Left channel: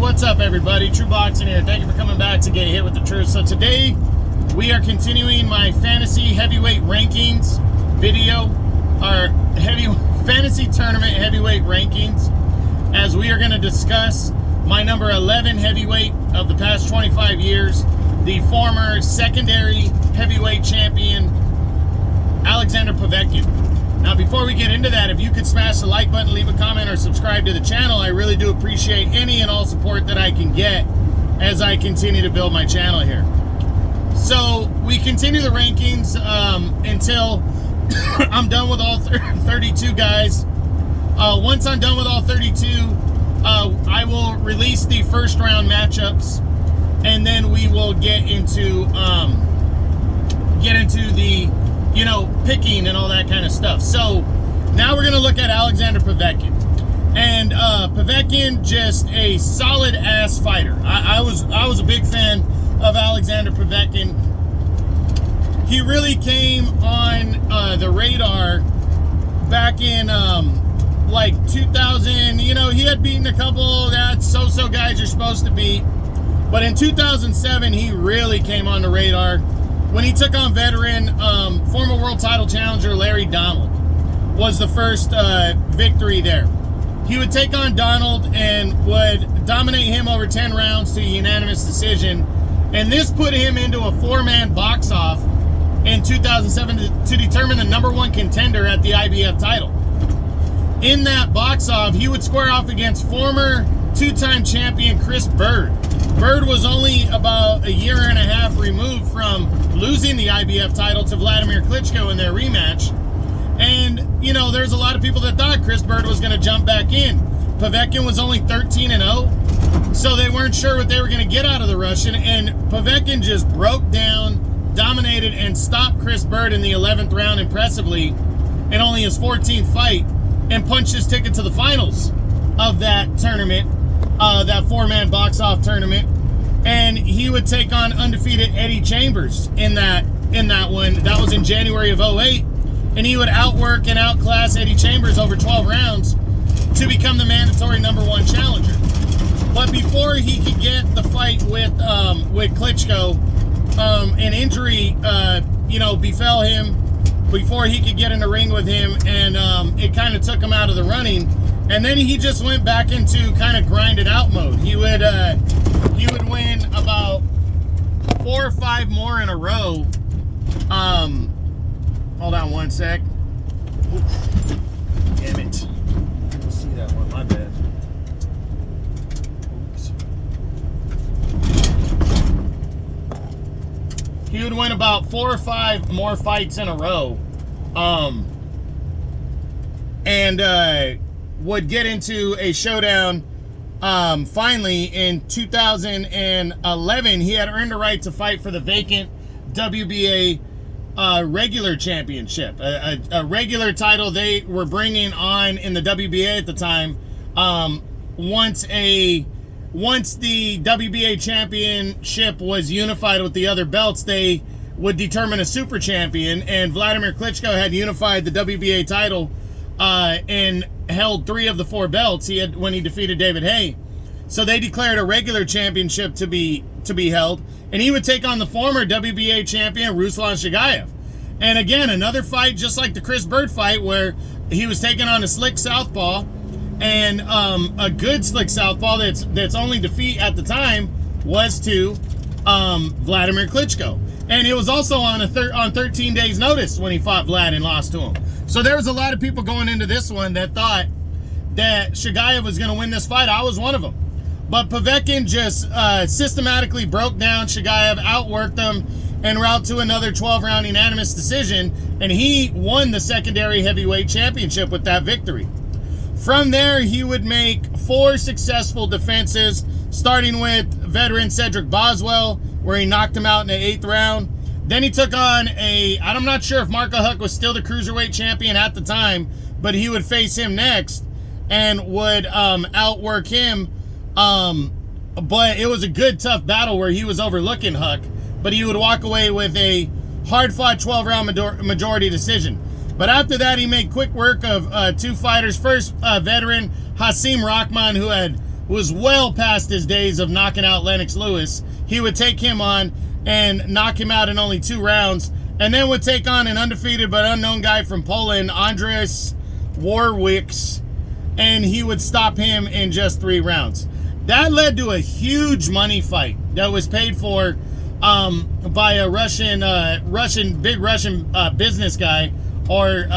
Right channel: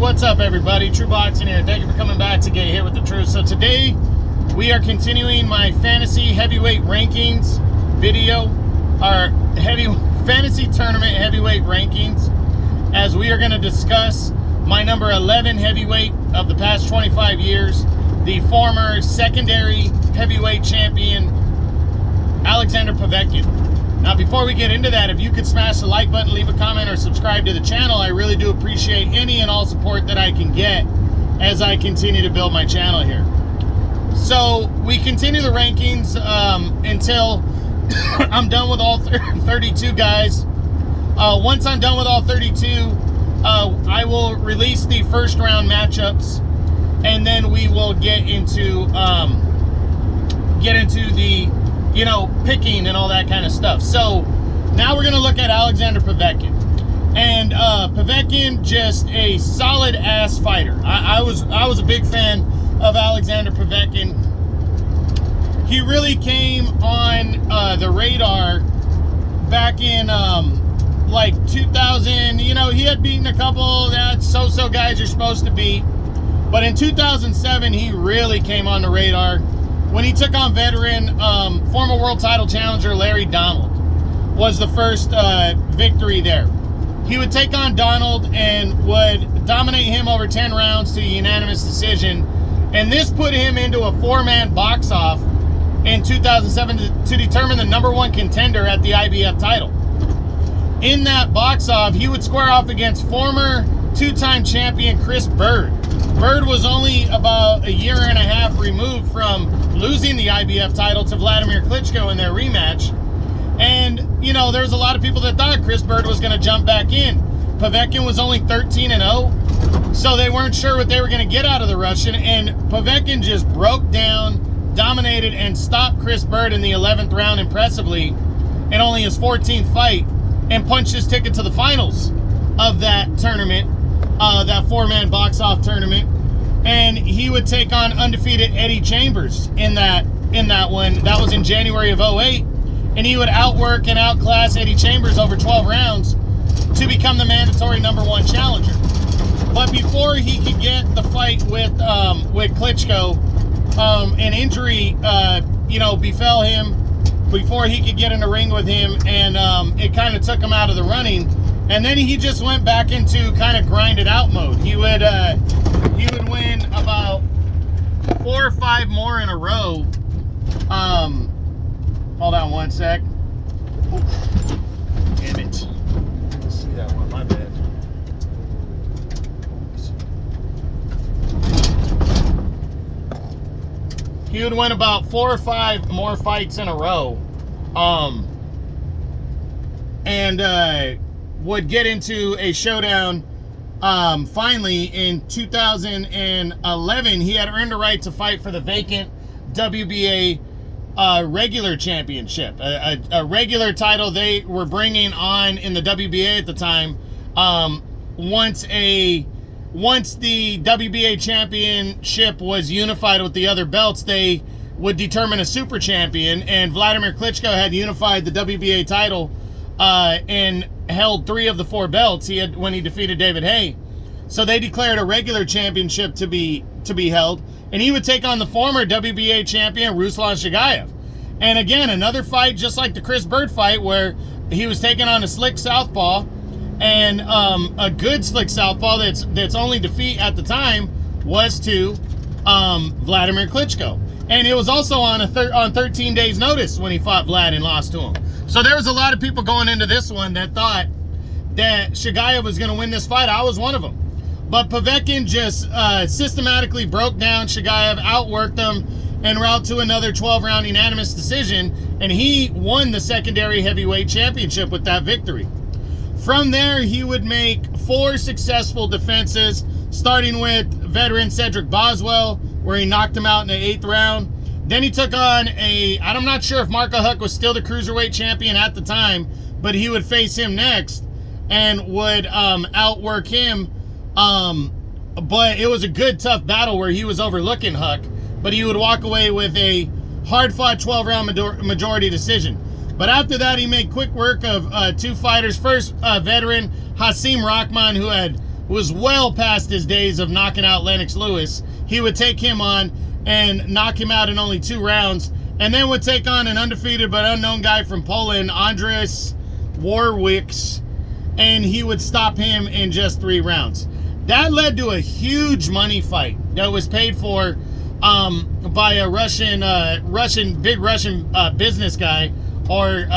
What's up, everybody? True Boxing here. Thank you for coming back to Get Hit with the Truth. So today we are continuing my fantasy heavyweight rankings video, our fantasy tournament heavyweight rankings, as we are going to discuss my number 11 heavyweight of the past 25 years, the former secondary heavyweight champion, Alexander Povetkin. Now, before we get into that, if you could smash the like button, leave a comment, or subscribe to the channel, I really do appreciate any and all support that I can get as I continue to build my channel here. So, we continue the rankings until I'm done with all 32 guys. Once I'm done with all 32, I will release the first round matchups, and then we will get into the picking and all that kind of stuff. So now we're going to look at Alexander Povetkin. And Povetkin, just a solid ass fighter. I was a big fan of Alexander Povetkin. He really came on the radar back in like 2000. He had beaten a couple that so-so guys you're supposed to beat. But in 2007, he really came on the radar when he took on veteran former world title challenger Larry Donald. Was the first victory there. He would take on Donald and would dominate him over 10 rounds to a unanimous decision, and this put him into a four-man box-off in 2007 to determine the #1 contender at the IBF title. In that box-off, he would square off against former two-time champion Chris Bird. Bird was only about a year and a half removed from losing the IBF title to Vladimir Klitschko in their rematch. And, there's a lot of people that thought Chris Bird was going to jump back in. Povetkin was only 13-0, so they weren't sure what they were going to get out of the Russian. And Povetkin just broke down, dominated, and stopped Chris Bird in the 11th round impressively in only his 14th fight, and punched his ticket to the finals of that tournament. That four-man box-off tournament, and he would take on undefeated Eddie Chambers in that one. That was in January of 2008, and he would outwork and outclass Eddie Chambers over 12 rounds to become the mandatory #1 challenger. But before he could get the fight with Klitschko, an injury befell him before he could get in the ring with him, and it kind of took him out of the running. And then he just went back into kind of grinded out mode. He would win about 4 or 5 more in a row. Hold on one sec. Oof. Damn it. I didn't see that one. My bad. Oops. He would win about 4 or 5 more fights in a row. Would get into a showdown finally in 2011. He had earned the right to fight for the vacant WBA regular championship, a regular title they were bringing on in the WBA at the time. Once the WBA championship was unified with the other belts, they would determine a super champion, and Vladimir Klitschko had unified the WBA title and held 3 of the 4 belts when he defeated David Haye. So they declared a regular championship to be held, and he would take on the former WBA champion Ruslan Shagayev. And again, another fight just like the Chris Bird fight, where he was taking on a slick southpaw, and a good slick southpaw that's only defeat at the time was to Vladimir Klitschko. And it was also on 13 days notice when he fought Vlad and lost to him. So there was a lot of people going into this one that thought that Shagayev was going to win this fight. I was one of them. But Povetkin just systematically broke down Shagayev, outworked him, en route to another 12-round unanimous decision, and he won the secondary heavyweight championship with that victory. From there, he would make 4 successful defenses, starting with veteran Cedric Boswell, where he knocked him out in the 8th round. Then he took on I'm not sure if Marco Huck was still the cruiserweight champion at the time, but he would face him next and would outwork him. But it was a good, tough battle where he was overlooking Huck, but he would walk away with a hard-fought 12-round majority decision. But after that, he made quick work of 2 fighters. First, veteran Hasim Rahman, who had was well past his days of knocking out Lennox Lewis. He would take him on and knock him out in only 2 rounds, and then would take on an undefeated but unknown guy from Poland, Andrzej Warwicz, and he would stop him in just 3 rounds. That led to a huge money fight that was paid for by a big Russian business guy, or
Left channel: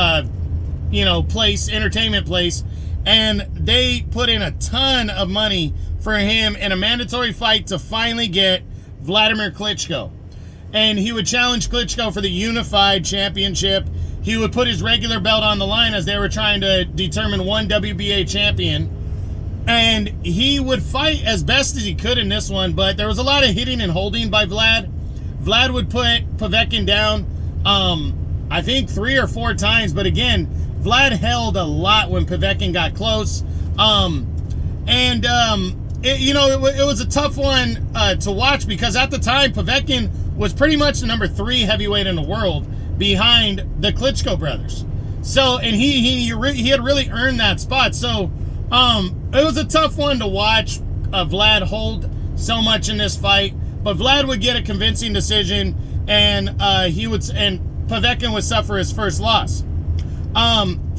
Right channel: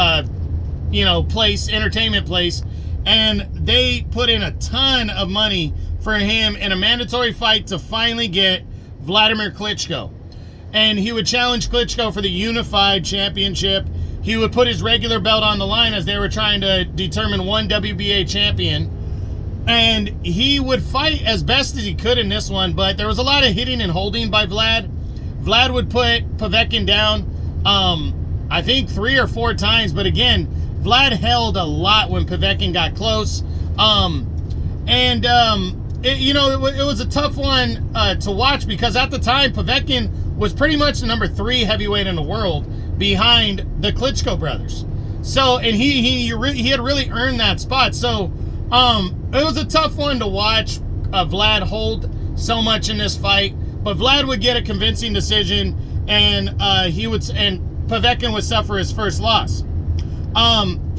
entertainment place, and they put in a ton of money for him in a mandatory fight to finally get Vladimir Klitschko. And he would challenge Klitschko for the unified championship. He would put his regular belt on the line as they were trying to determine one WBA champion. And he would fight as best as he could in this one, but there was a lot of hitting and holding by Vlad. Vlad would put Povetkin down, I think 3 or 4 times, but again, Vlad held a lot when Povetkin got close. It was a tough one to watch, because at the time, Povetkin was pretty much the number 3 heavyweight in the world behind the Klitschko brothers. So, and he had really earned that spot. So, it was a tough one to watch Vlad hold so much in this fight, but Vlad would get a convincing decision, and Povetkin would suffer his first loss.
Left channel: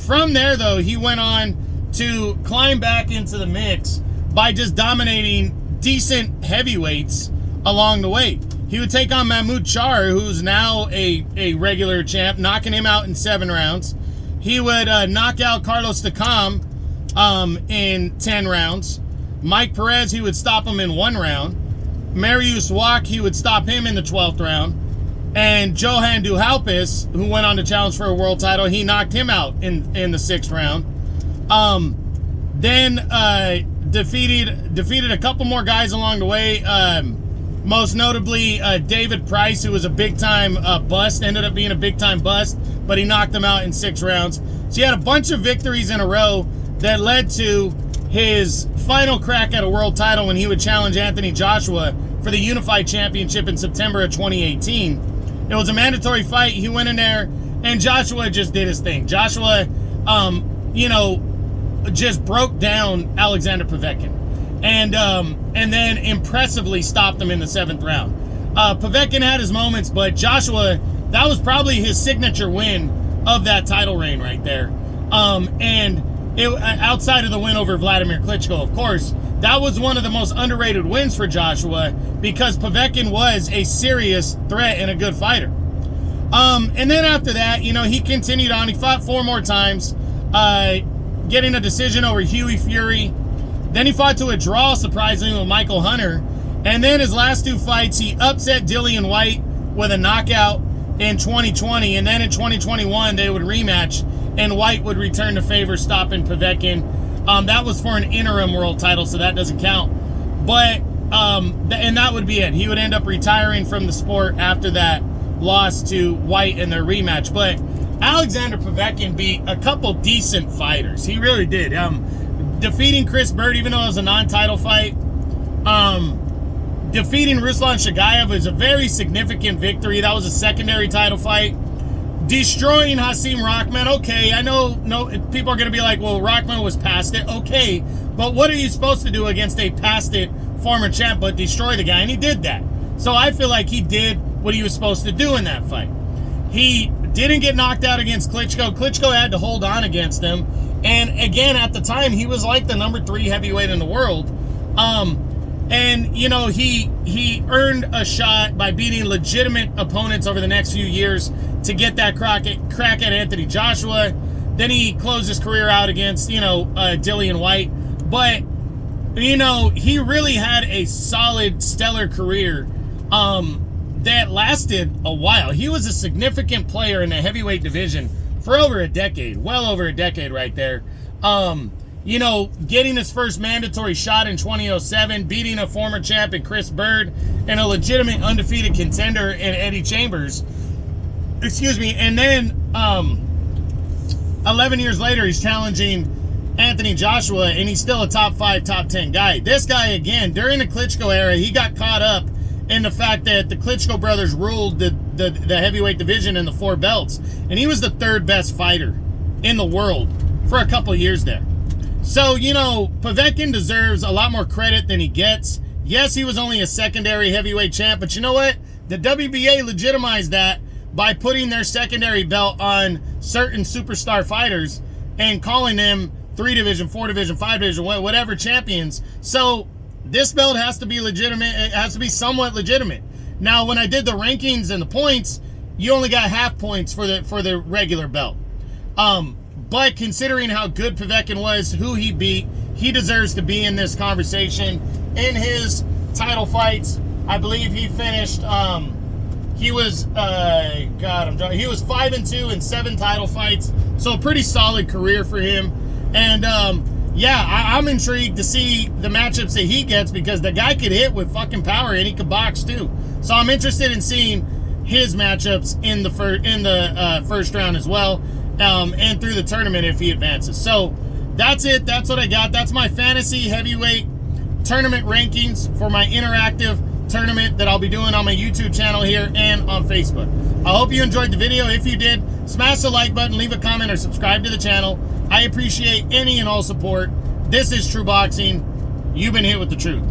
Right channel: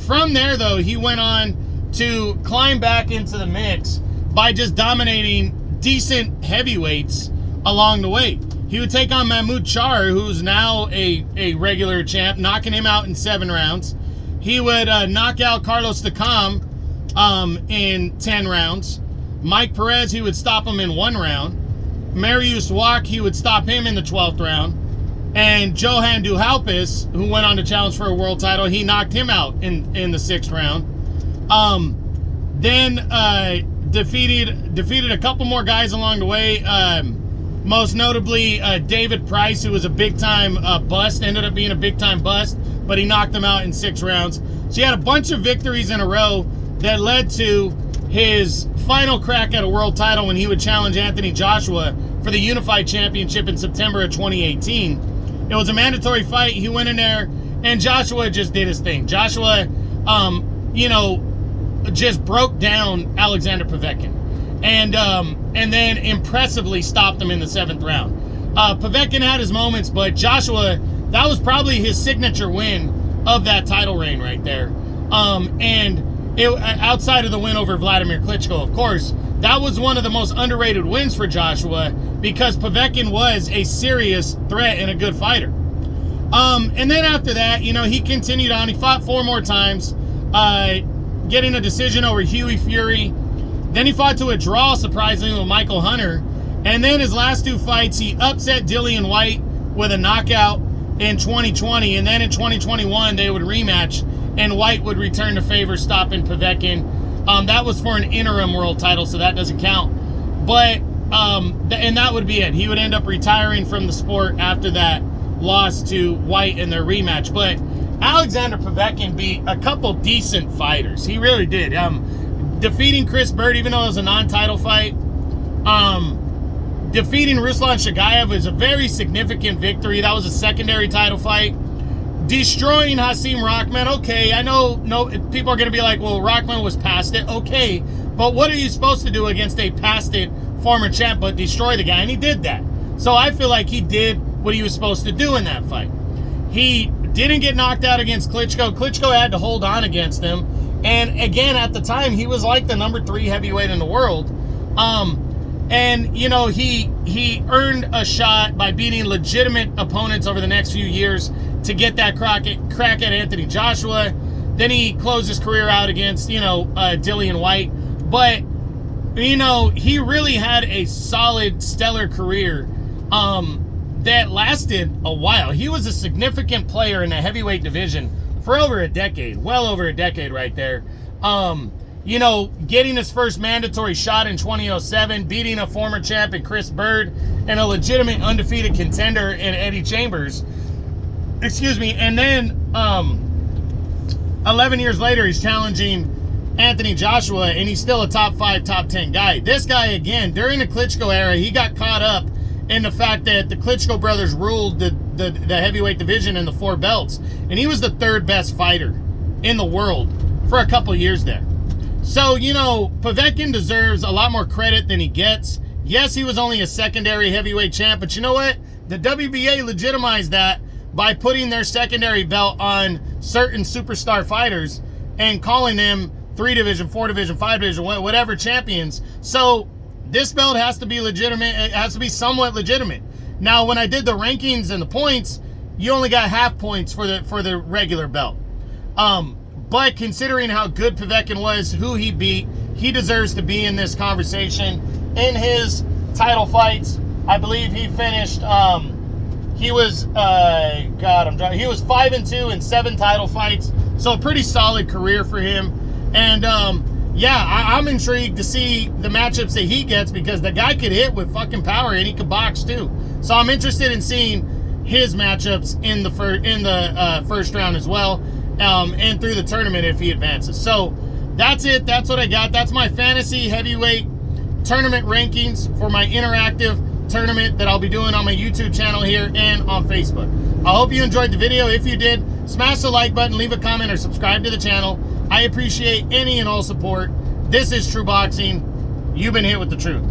From there, though, he went on to climb back into the mix by just dominating decent heavyweights along the way. He would take on Mahmoud Char, who's now a regular champ, knocking him out in 7 rounds. He would knock out Carlos Takam in 10 rounds. Mike Perez, he would stop him in 1 round. Mariusz Wach, he would stop him in the 12th round. And Johan Duhaupas, who went on to challenge for a world title, he knocked him out in the 6th round. Then defeated a couple more guys along the way. Most notably, David Price, who was a big-time bust, ended up being a big-time bust, but he knocked him out in 6 rounds. So he had a bunch of victories in a row that led to his final crack at a world title when he would challenge Anthony Joshua for the Unified Championship in September of 2018. It was a mandatory fight. He went in there, and Joshua just did his thing. Joshua, just broke down Alexander Povetkin, and then impressively stopped him in the 7th round. Povetkin had his moments, but Joshua, that was probably his signature win of that title reign right there. Outside of the win over Vladimir Klitschko, of course, that was one of the most underrated wins for Joshua, because Povetkin was a serious threat and a good fighter. And then after that, he continued on. He fought 4 more times, getting a decision over Huey Fury. Then he fought to a draw, surprisingly, with Michael Hunter. And then his last 2 fights, he upset Dillian White with a knockout in 2020. And then in 2021, they would rematch, and White would return the favor, stopping Povetkin. That was for an interim world title, so that doesn't count. But, and that would be it. He would end up retiring from the sport after that loss to White in their rematch. But Alexander Povetkin beat a couple decent fighters. He really did. Defeating Chris Bird, even though it was a non-title fight. Defeating Ruslan Shagayev was a very significant victory. That was a secondary title fight. Destroying Hasim Rahman. Okay, I know people are going to be like, well, Rahman was past it. Okay, but what are you supposed to do against a past it former champ but destroy the guy? And he did that. So I feel like he did what he was supposed to do in that fight. He didn't get knocked out against Klitschko. Klitschko had to hold on against him. And again, at the time, he was like the number 3 heavyweight in the world. He earned a shot by beating legitimate opponents over the next few years to get that crack at Anthony Joshua. Then he closed his career out against, Dillian White. But, he really had a solid, stellar career that lasted a while. He was a significant player in the heavyweight division for over a decade, well over a decade right there. Getting his first mandatory shot in 2007, beating a former champ in Chris Bird, and a legitimate undefeated contender in Eddie Chambers. Excuse me. And then 11 years later, he's challenging Anthony Joshua, and he's still a top 5, top 10 guy. This guy, again, during the Klitschko era, he got caught up in the fact that the Klitschko brothers ruled the heavyweight division in the 4 belts. And he was the 3rd best fighter in the world for a couple of years there. So, you know, Povetkin deserves a lot more credit than he gets. Yes, he was only a secondary heavyweight champ, but you know what? The WBA legitimized that by putting their secondary belt on certain superstar fighters and calling them 3 division, 4 division, 5 division, whatever champions. So this belt has to be legitimate. It has to be somewhat legitimate. Now, when I did the rankings and the points, you only got half points for the regular belt. But considering how good Povetkin was, who he beat, he deserves to be in this conversation. In his title fights, I believe he finished, he was 5-2 in 7 title fights. So a pretty solid career for him. And yeah, I'm intrigued to see the matchups that he gets, because the guy could hit with fucking power and he could box too. So I'm interested in seeing his matchups in the first round as well, and through the tournament if he advances. So that's it. That's what I got. That's my fantasy heavyweight tournament rankings for my interactive tournament that I'll be doing on my YouTube channel here and on Facebook. I hope you enjoyed the video. If you did, smash the like button, leave a comment, or subscribe to the channel. I appreciate any and all support. This is True Boxing. You've been hit with the truth.